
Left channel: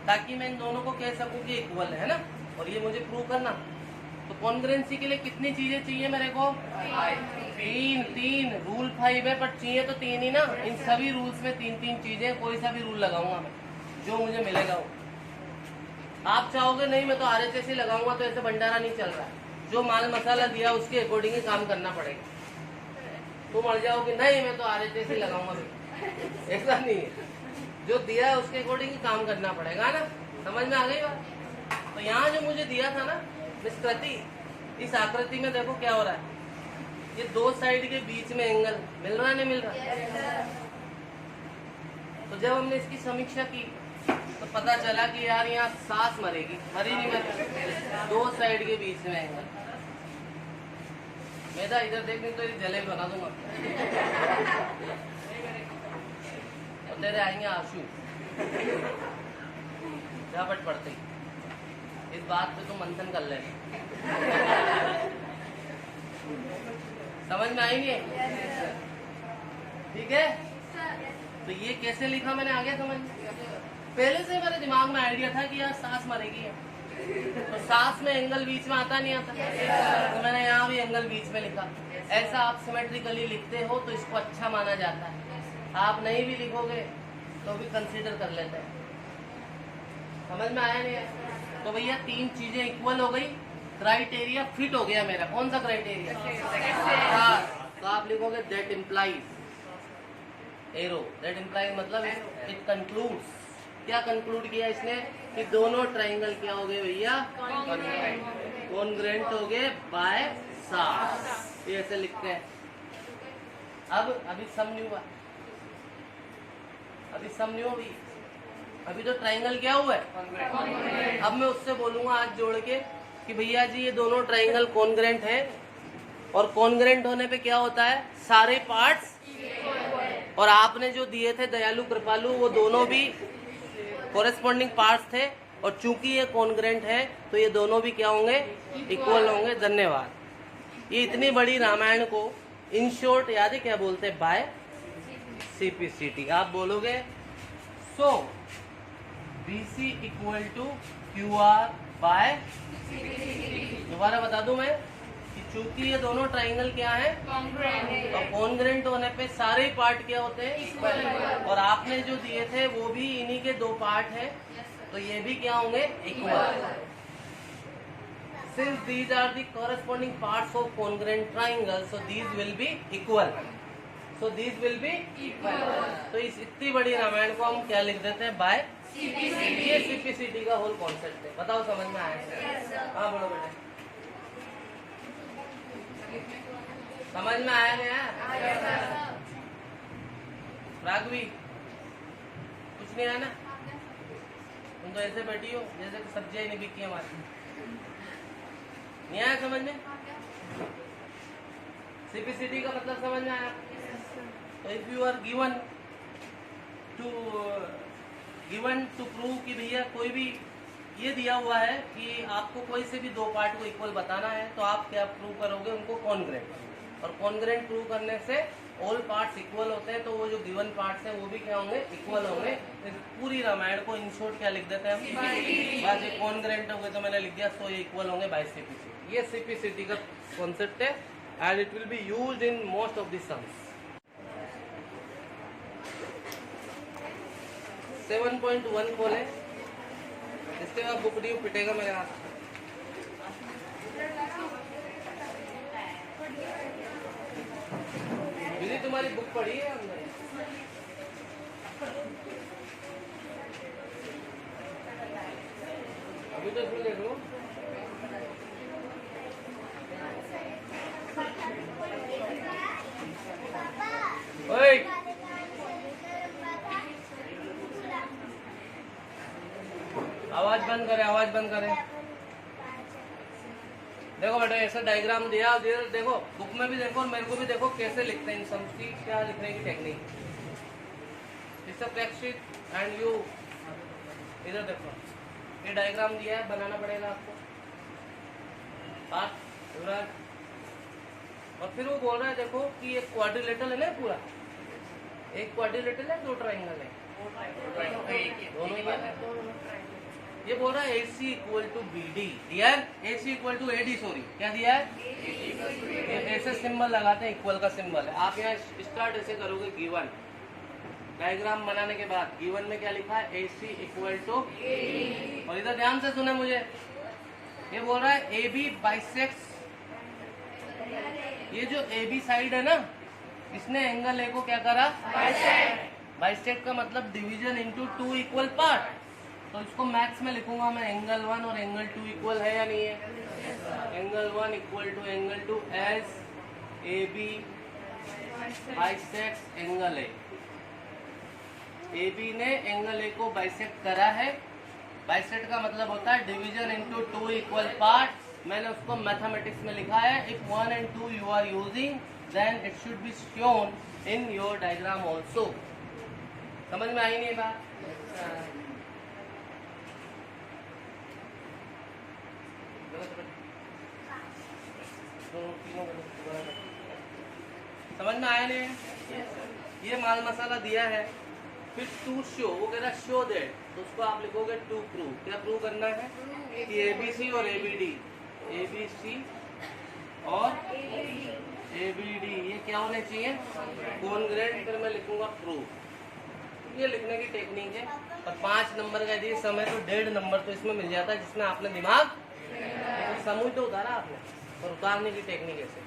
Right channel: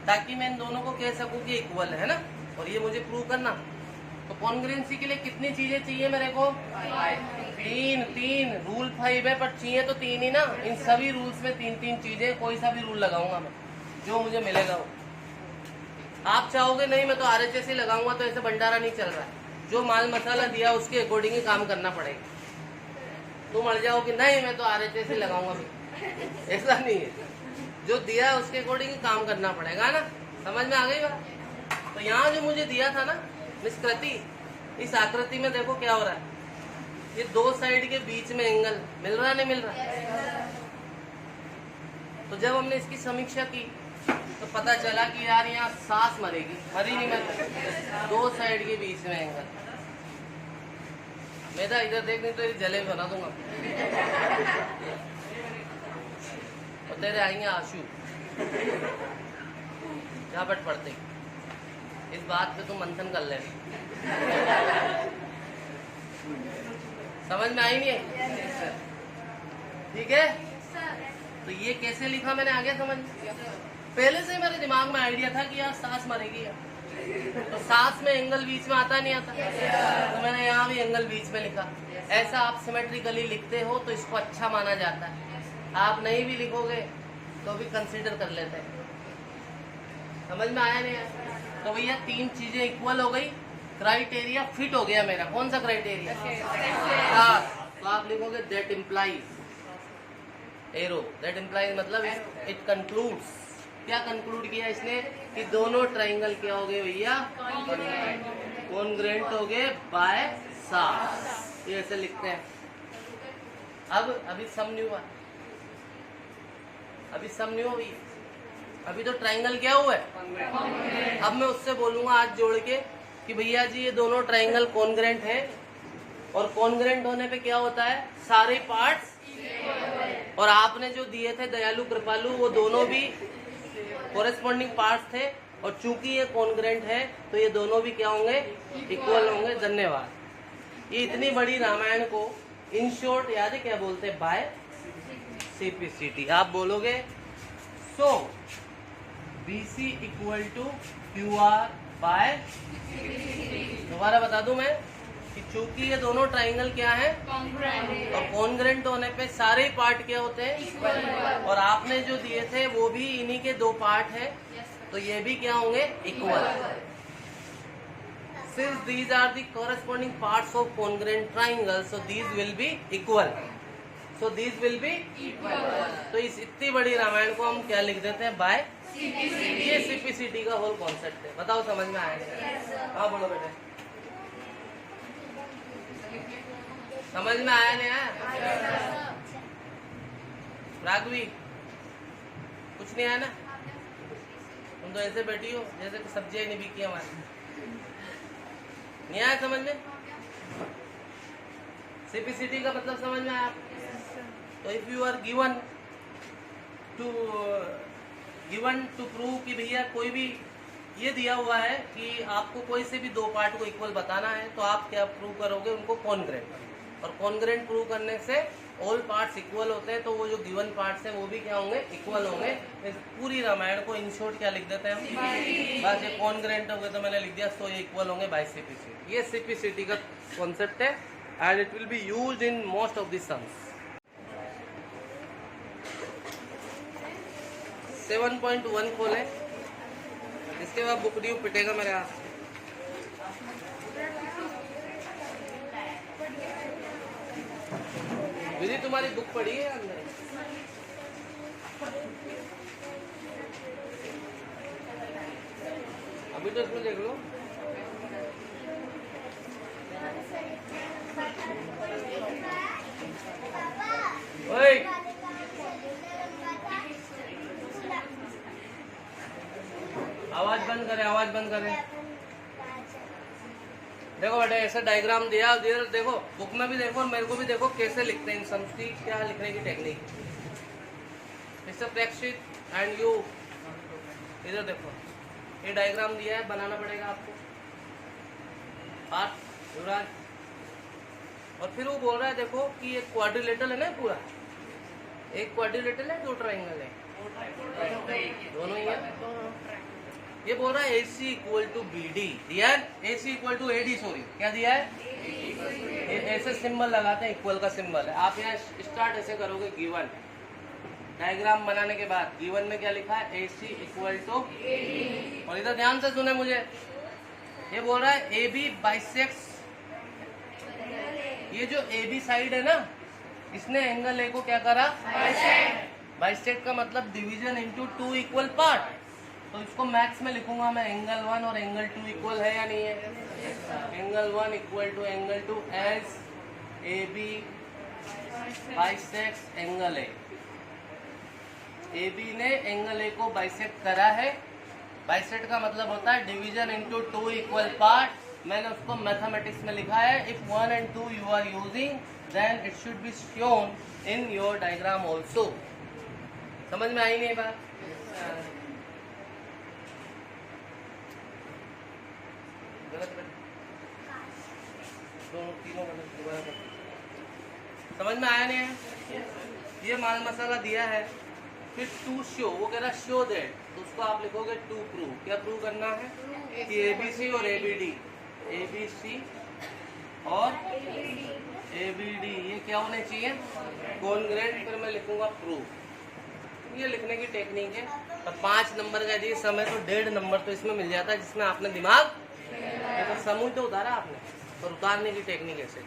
ताकि मैं इन दोनों को कह सकूँ कि इक्वल है ना, और ये मुझे प्रूव करना। तो कॉन्ग्रेंसी के लिए कितनी चीजें चाहिए मेरे को? तीन। रूल 5 है, पर चाहिए तो 3 ही ना। इन सभी रूल्स में 3 चीजें, कोई सा भी रूल लगाऊंगा मैं, जो मुझे मिलेगा वो। आप चाहोगे नहीं मैं तो RHS ही लगाऊंगा, तो ऐसे भंडारा नहीं चल रहा। जो माल मसाला दिया उसके अकॉर्डिंग ही काम करना पड़ेगा। तुम अड़ जाओगे नहीं मैं तो RHS ही लगाऊंगा, ऐसा नहीं है। जो दिया है उसके अकॉर्डिंग ही काम करना पड़ेगा ना। समझ में आ गई बात? तो यहाँ जो मुझे दिया था ना निष्कृति, इस आकृति में देखो क्या हो रहा है। ये दो साइड के बीच में एंगल मिल रहा नहीं मिल रहा? तो जब हमने इसकी समीक्षा की तो पता चला कि यार यहाँ सांस मरेगी, मरी नहीं मर, दो साइड के बीच में एंगल। मेरा इधर देखने तो जलेब बना दूंगा और तेरे आएंगे आंसू झपट पड़ते ही। इस बात पे तो मंथन कर लेना। समझ में आई नहीं है? ठीक है। तो ये कैसे लिखा मैंने आगे समझ? पहले से मेरे दिमाग में आइडिया था कि यार सांस मरेगी, तो सांस में एंगल बीच में आता नहीं आता, तो मैंने यहाँ भी एंगल बीच में लिखा। ऐसा आप सिमेट्रिकली लिखते हो तो इसको अच्छा माना जाता है। आप नहीं भी लिखोगे तो भी कंसीडर कर लेते हैं। समझ में आया नहीं है? तो भैया 3 चीजें इक्वल हो गई, क्राइटेरिया फिट हो गया मेरा। कौन सा क्राइटेरिया? तो आप लिखोगे that implies arrow. That implies मतलब इट कंक्लूड्स। क्या कंक्लूड किया इसने? कि दोनों ट्राइंगल क्या हो गए भैया? कॉन्ग्रेंट हो गए बाय साइड। ये ऐसे लिखते हैं। अभी सम नहीं हुआ, अभी तो ट्राइंगल क्या हुआ है? अब मैं उससे बोलूंगा हाथ जोड़ के कि भैया जी ये दोनों ट्राइंगल कॉन्ग्रेंट है, और कॉन्ग्रेंट होने पे क्या होता है? सारे पार्ट्स। और आपने जो दिए थे दयालु कृपालु, वो दोनों भी कोरेस्पॉन्डिंग पार्ट्स थे, और चूंकि ये कॉन्ग्रेंट है तो ये दोनों भी क्या होंगे? इक्वल होंगे। धन्यवाद। ये इतनी बड़ी रामायण को इन शॉर्ट याद है क्या बोलते हैं? By CPCT। आप बोलोगे so BC equal to QR by. दोबारा बता दूं मैं कि चूंकि ये दोनों ट्राइंगल क्या है? और कॉन्ग्रेंट होने पे सारे पार्ट क्या होते हैं? और आपने जो दिए थे वो भी इन्हीं के 2 पार्ट है, तो ये भी क्या होंगे? Equal. Since these are the corresponding parts of congruent triangle, so these will be equal. So these will be equal. तो इस इतनी बड़ी रामायण को हम क्या लिख देते हैं? By CPCT। ये CPCT का होल कॉन्सेप्ट है। बताओ समझ में आया? हाँ बोलो बेटा। समझ में आया नहीं आया? राघवी कुछ नहीं आया ना? तुम तो ऐसे बैठी हो जैसे सब्जियां नहीं बिकी हमारी। नहीं आया समझ में? CPCT का मतलब समझ में आया? तो if you are given to prove कि भैया कोई भी ये दिया हुआ है कि आपको कोई से भी 2 पार्ट को इक्वल बताना है, तो आप क्या प्रूव करोगे? उनको कॉन्ग्रेंट। और कॉन्ग्रेंट प्रूव करने से ऑल पार्ट्स इक्वल होते हैं, तो वो जो गिवन पार्ट्स हैं वो भी क्या होंगे? इक्वल होंगे। पूरी रामायण को इन शॉर्ट क्या लिख देते हैं? बस ये कॉन्ग्रेंट हो गए तो मैंने लिख दिया, तो ये इक्वल होंगे बाय CPCT। ये CPCT का कॉन्सेप्ट है, and it will be used in most of the sums. 7.1 खोले, इसके बाद बुक ड्यू पिटेगा मेरे हाथ। दीदी तुम्हारी बुक पढ़ी है अंदर? अभी तो इसमें देख लो। ओए आवाज बंद करें, आवाज बंद करें। देखो बेटा ऐसा डायग्राम दिया, देखो बुक में भी देखो, मेरे को भी देखो कैसे लिखते हैं इन सम्स की, क्या लिखने की technique. It's a practice and you इधर देखो, ये डायग्राम दिया है, बनाना पड़ेगा आपको। युवराज, और फिर वो बोल रहा है देखो कि एक क्वाड्रिलेटरल है ना पूरा, एक क्वाड्रिलेटरल है, दो ट्राइंगल है, दोनों ही है। ये बोल रहा है AC इक्वल टू BD दिया है, AC equal to AD, sorry क्या दिया है, ऐसे सिंबल लगाते हैं, इक्वल का सिंबल है। आप यहाँ स्टार्ट ऐसे करोगे, गिवन डायग्राम बनाने के बाद गिवन में क्या लिखा है, AC इक्वल टू, और इधर ध्यान से सुने मुझे, ये बोल रहा है AB बाइसेक्स, ये जो AB साइड है ना, इसने एंगल A को क्या करा, बाइसेक्ट का मतलब डिवीजन इनटू 2 इक्वल पार्ट। तो इसको मैथ्स में लिखूंगा मैं, एंगल 1 और एंगल 2 इक्वल है या नहीं है, angle 1 equal to angle 2 as AB bisect angle A। AB ने एंगल A को बाइसेक्ट करा है, बाइसेक्ट का मतलब होता है डिवीजन इनटू 2 इक्वल पार्ट। मैंने उसको मैथमेटिक्स में लिखा है, if 1 and 2 you are using then it should be shown in your diagram also. समझ में आई नहीं बात? समझ में आया नहीं? ये माल मसाला दिया है, फिर टू शो, वो कह रहा है शो दैट, तो उसको आप लिखोगे टू प्रूव। क्या प्रूव करना है कि ABC और ABD, ABC और ABD ये क्या होने चाहिए, कॉन्ग्रुएंट। फिर मैं लिखूंगा प्रूव। ये लिखने की टेक्निक है। और 5 नंबर का यदि समय तो 1.5 नंबर तो इसमें मिल जाता है, जिसमें आपने दिमाग समूह पे उतारा आपने, और उतारने की टेक्निक ऐसे,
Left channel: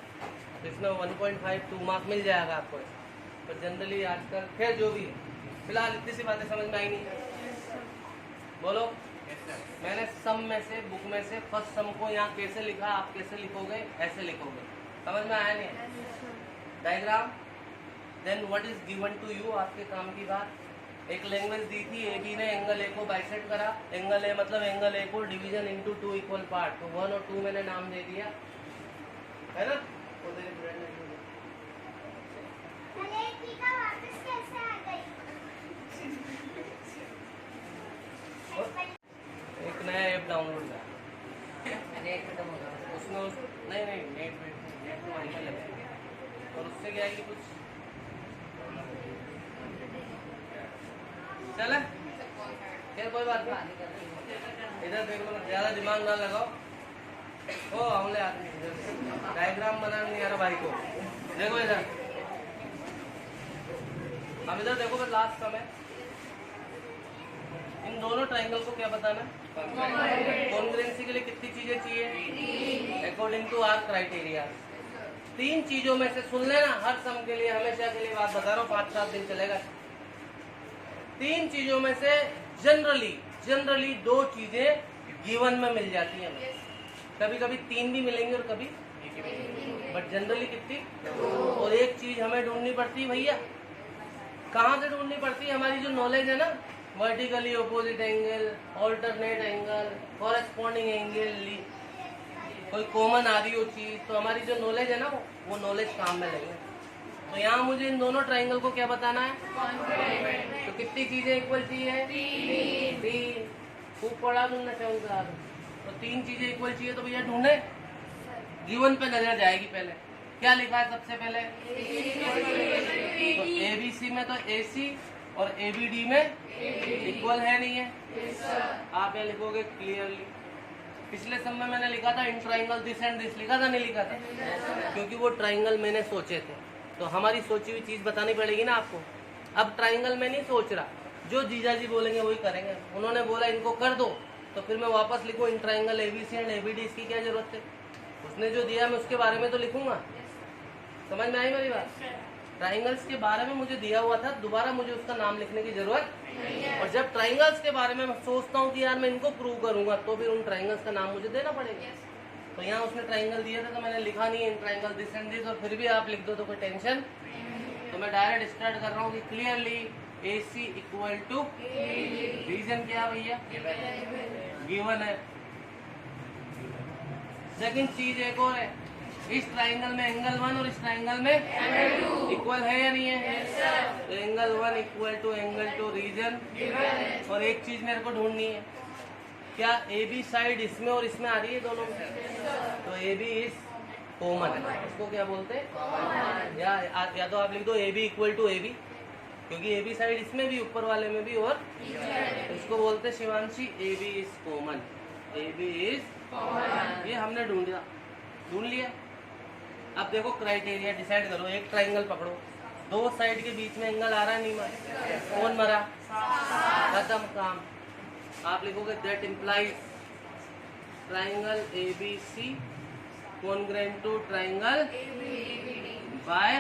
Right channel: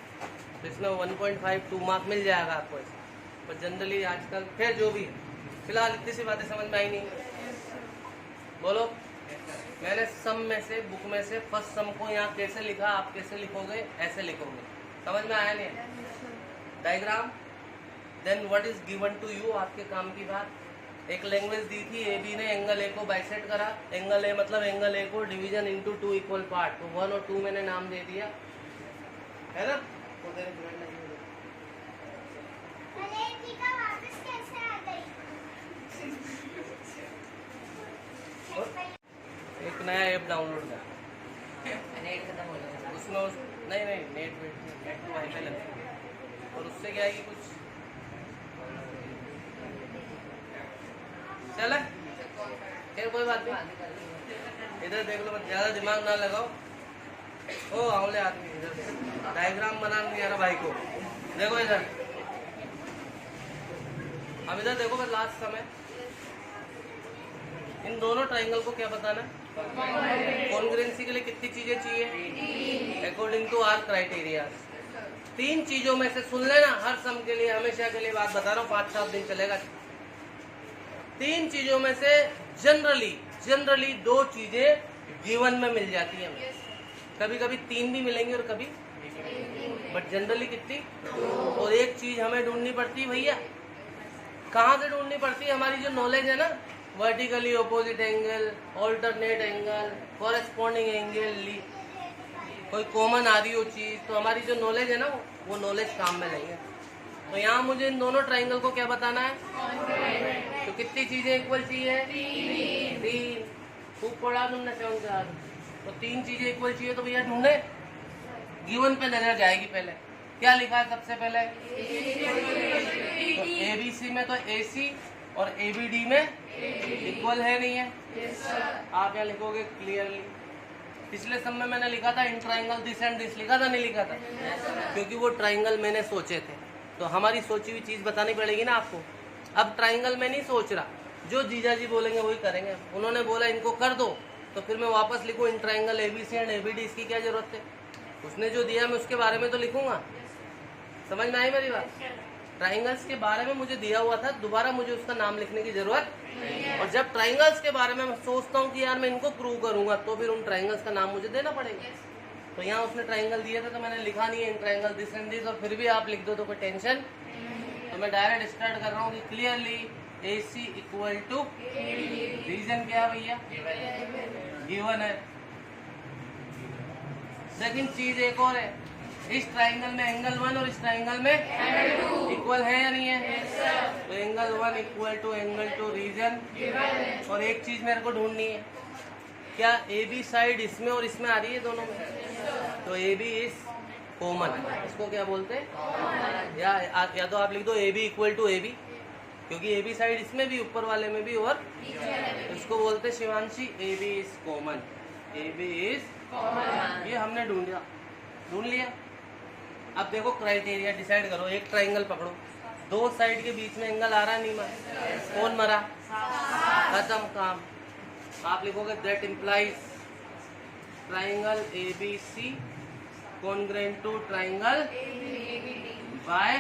तो इसमें 1.5 2 मार्क मिल जाएगा आपको। पर जनरली आजकल खैर जो भी है, फिलहाल इतनी सी बातें समझ में आई नहीं, बोलो। मैंने सम में से, बुक में से फर्स्ट सम को यहाँ कैसे लिखा, आप कैसे लिखोगे, ऐसे लिखोगे। समझ में आया नहीं? Diagram, then what is given to you, आपके काम की बात। एक लैंग्वेज दी थी, AB ने एंगल A को बाइसेक्ट करा, एंगल A मतलब एंगल A को डिवीजन इनटू 2 इक्वल पार्ट, तो 1 और 2 मैंने नाम दे दिया है ना। तो तेरे फ्रेंड ने एक नया ऐप डाउनलोड किया, उसमें नहीं नेट और उससे क्या है कि कुछ चले, फिर कोई बात नहीं। इधर देख लो, ज्यादा दिमाग ना लगाओ। ओ आंवले आदमी, इधर डायग्राम बना नहीं आ रहा भाई को, देखो इधर। अब इधर देखो, बस लास्ट समय इन दोनों ट्राइंगल को क्या बताना है, कॉन्ग्रुएंसी के लिए कितनी चीजें चाहिए, अकॉर्डिंग टू आवर क्राइटेरिया। 3 चीजों में से सुन लेना, हर सम के लिए हमेशा के लिए बात बता रहा हूँ, 5-7 दिन चलेगा। 3 चीजों में से जनरली 2 चीजें गिवन में मिल जाती है। कभी कभी 3 भी मिलेंगे और कभी, बट जनरली कितनी, और एक चीज हमें ढूंढनी पड़ती है भैया। कहाँ से ढूंढनी पड़ती है? हमारी जो नॉलेज है ना, vertically opposite angle, alternate angle, corresponding angle, कोई कॉमन आ रही हो चीज, तो हमारी जो नॉलेज है ना, वो नॉलेज काम में नहीं है। तो यहाँ मुझे इन दोनों ट्राइंगल को क्या बताना है, तो कितनी चीजें इक्वल चाहिए, 3। खूब पढ़ा तुमने 7 से 8, तो 3 चीजें इक्वल चाहिए। तो भैया ढूंढे, गिवन पे नजर जाएगी। पहले क्या लिखा है सबसे पहले, तो ABC में तो AC और ABD में इक्वल है नहीं है, आप यहाँ लिखोगे क्लियरली। पिछले सम में मैंने लिखा था in triangle this and this, लिखा था नहीं लिखा था, क्योंकि वो ट्राइंगल मैंने सोचे थे, तो हमारी सोची हुई चीज बतानी पड़ेगी ना आपको। अब ट्राइंगल में नहीं सोच रहा, जो जीजा जी बोलेंगे वही करेंगे। उन्होंने बोला इनको कर दो, तो फिर मैं वापस लिखूं in triangle ABC and ABD, इसकी क्या जरूरत है? उसने जो दिया मैं उसके बारे में तो लिखूंगा। समझ में आई मेरी बात? ट्राइंगल्स के बारे में मुझे दिया हुआ था, दोबारा मुझे उसका नाम लिखने की जरूरत नहीं है। और जब ट्राइंगल्स के बारे में मैं सोचता हूँ कि यार मैं इनको प्रूव करूंगा, तो फिर उन ट्राइंगल्स का नाम मुझे देना पड़ेगा। तो यहाँ उसने ट्राइंगल दिया था तो मैंने लिखा नहीं है in triangle this and this, और फिर भी आप लिख दो तो कोई टेंशन। तो मैं डायरेक्ट स्टार्ट कर रहा हूँ कि clearly AC equal to, reason क्या है भैया, गिवन है। सेकंड चीज एक और है, इस ट्राइंगल में एंगल 1 और इस ट्राइंगल में इक्वल है या नहीं है? तो angle 1 equal to angle 2 reason. और एक चीज मेरे को ढूंढनी है, क्या AB साइड इसमें और इसमें आ रही है दोनों में? तो AB इज कॉमन, इसको क्या बोलते हैं, या तो आप लिख दो AB इक्वल टू AB, क्योंकि AB साइड इसमें भी, ऊपर वाले में भी, और इसको बोलते हैं Shivanshi AB is common. AB is common, ये हमने ढूंढ लिया। अब देखो क्राइटेरिया डिसाइड करो, एक ट्राइंगल पकड़ो, दो साइड के बीच में एंगल आ रहा नहीं मरा, कौन मरा, खत्म काम। आप लिखोगे that implies triangle ABC congruent to triangle by.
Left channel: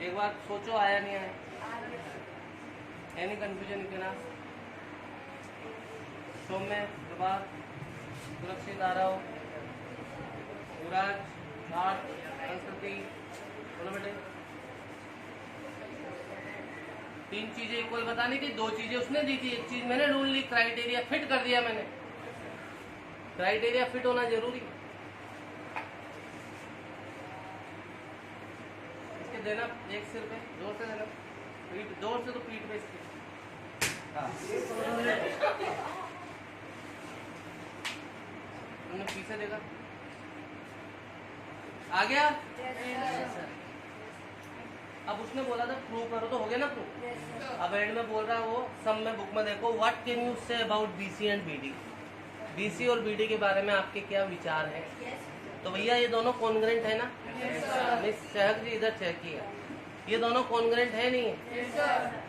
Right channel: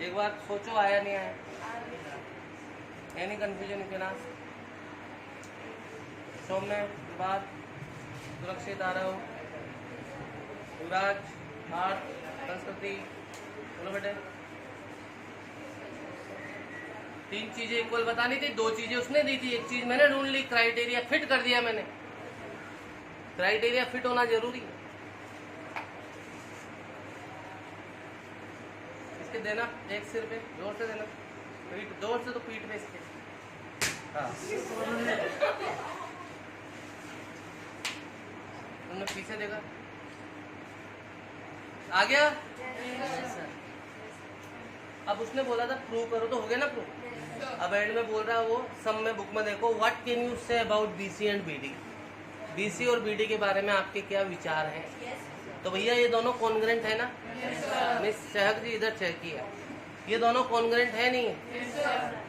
एक बार सोचो आया नहीं आया, एनी कंफ्यूजन के नाम सौम्य, विभाग, सुरक्षित, आरव, युवराज, आर्ट, संस्कृति, बोलो बेटे। तीन चीजें इक्वल बतानी थी, दो चीजें उसने दी थी, एक चीज मैंने ढूंढ ली, क्राइटेरिया फिट कर दिया मैंने। क्राइटेरिया फिट होना जरूरी। इसके देना एक सिर पे जोर से देना, पीठ जोर से, तो पीठ पे इसके। तुमने पीछे देखा, आ गया? अब उसने बोला था प्रूव करो, तो हो गया ना प्रूव। अब एंड में बोल रहा है वो, सब में बुक में देखो, what can you say about BC and BD, BC और BD के बारे में आपके क्या विचार है? तो भैया ये दोनों कॉन्ग्रेंट है ना? मिस चहक जी इधर चहकी है, ये दोनों कॉन्ग्रेंट है नहीं है?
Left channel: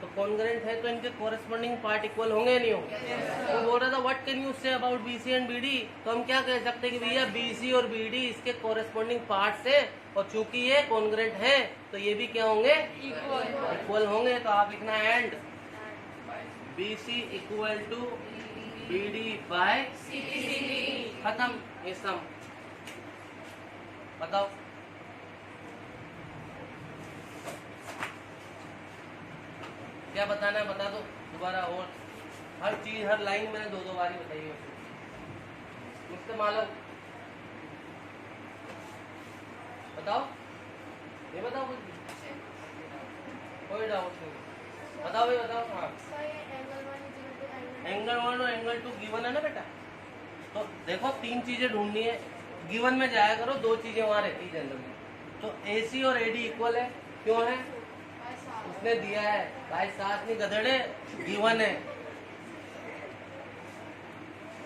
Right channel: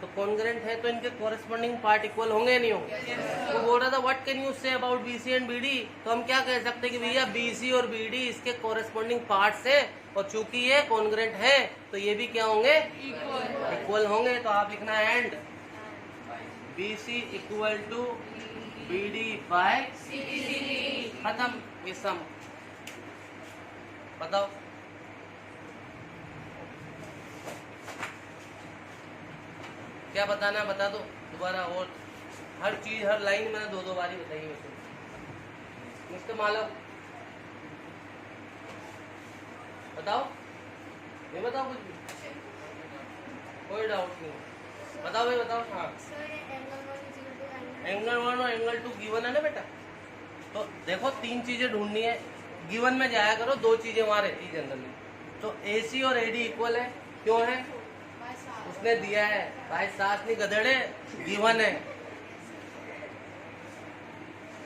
तो कॉन्ग्रेंट है तो इनके कॉरेस्पॉन्डिंग पार्ट इक्वल होंगे नहीं होंगे? तो बोल रहा था what can you say about BC and BD, तो हम क्या कह सकते हैं कि भैया BC और BD इसके कॉरेस्पॉन्डिंग पार्ट्स है, और चूंकि ये कॉन्ग्रेंट है तो ये भी क्या होंगे, इक्वल होंगे। तो आप लिखना and BC equal to BD by खत्म, ये सम। बताओ क्या बताना है, बता दो दोबारा। और हर चीज, हर लाइन मैंने दो बार ही बताई है मुझसे। मालूम बताओ, ये बताओ कुछ भी, कोई डाउट नहीं, बताओ ये बताओ। हाँ, एंगल 1 और एंगल 2 गिवन है ना बेटा। तो देखो तीन चीजें ढूंढनी है, गिवन में जाया करो, दो चीजें वहां रहती जनरली। तो AC और AD इक्वल है, क्यों है? उसने दिया है भाई, सास नहीं गधेड़े, गिवन है।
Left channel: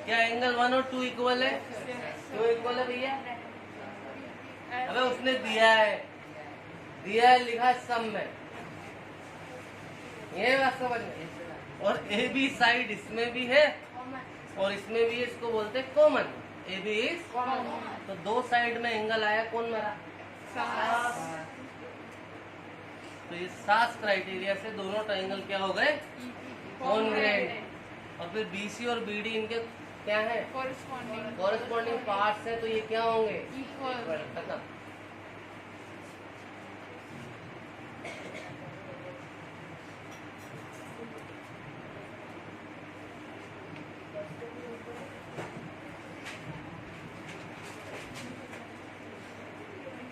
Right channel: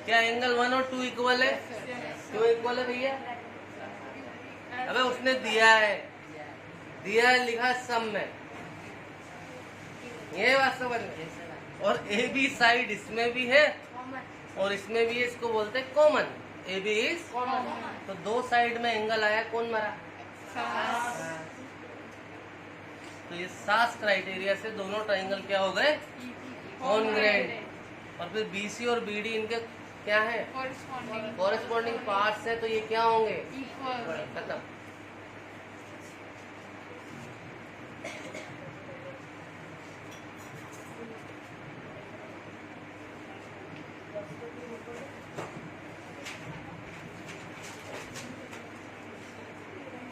क्या एंगल 1 और 2 इक्वल है? क्यों इक्वल है भैया? अबे उसने दिया है लिखा सम में, ये बात समझ में। और AB साइड इसमें भी है और इसमें भी है, इसको बोलते हैं कॉमन। AB इज कॉमन, तो दो साइड में एंगल आया, कौन मरा? तो ये सास क्राइटेरिया से दोनों ट्राइंगल क्या हो गए, कॉन्ग्रेंट। और फिर BC और BD इनके क्या है, कॉरेस्पॉन्डिंग पार्ट्स है, तो ये क्या होंगे, इक्वल। खत्म।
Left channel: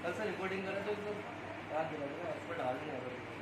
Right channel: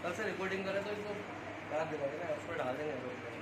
कल से रिकॉर्डिंग करें तो इसको याद दिला देना, इसको डाल देंगे।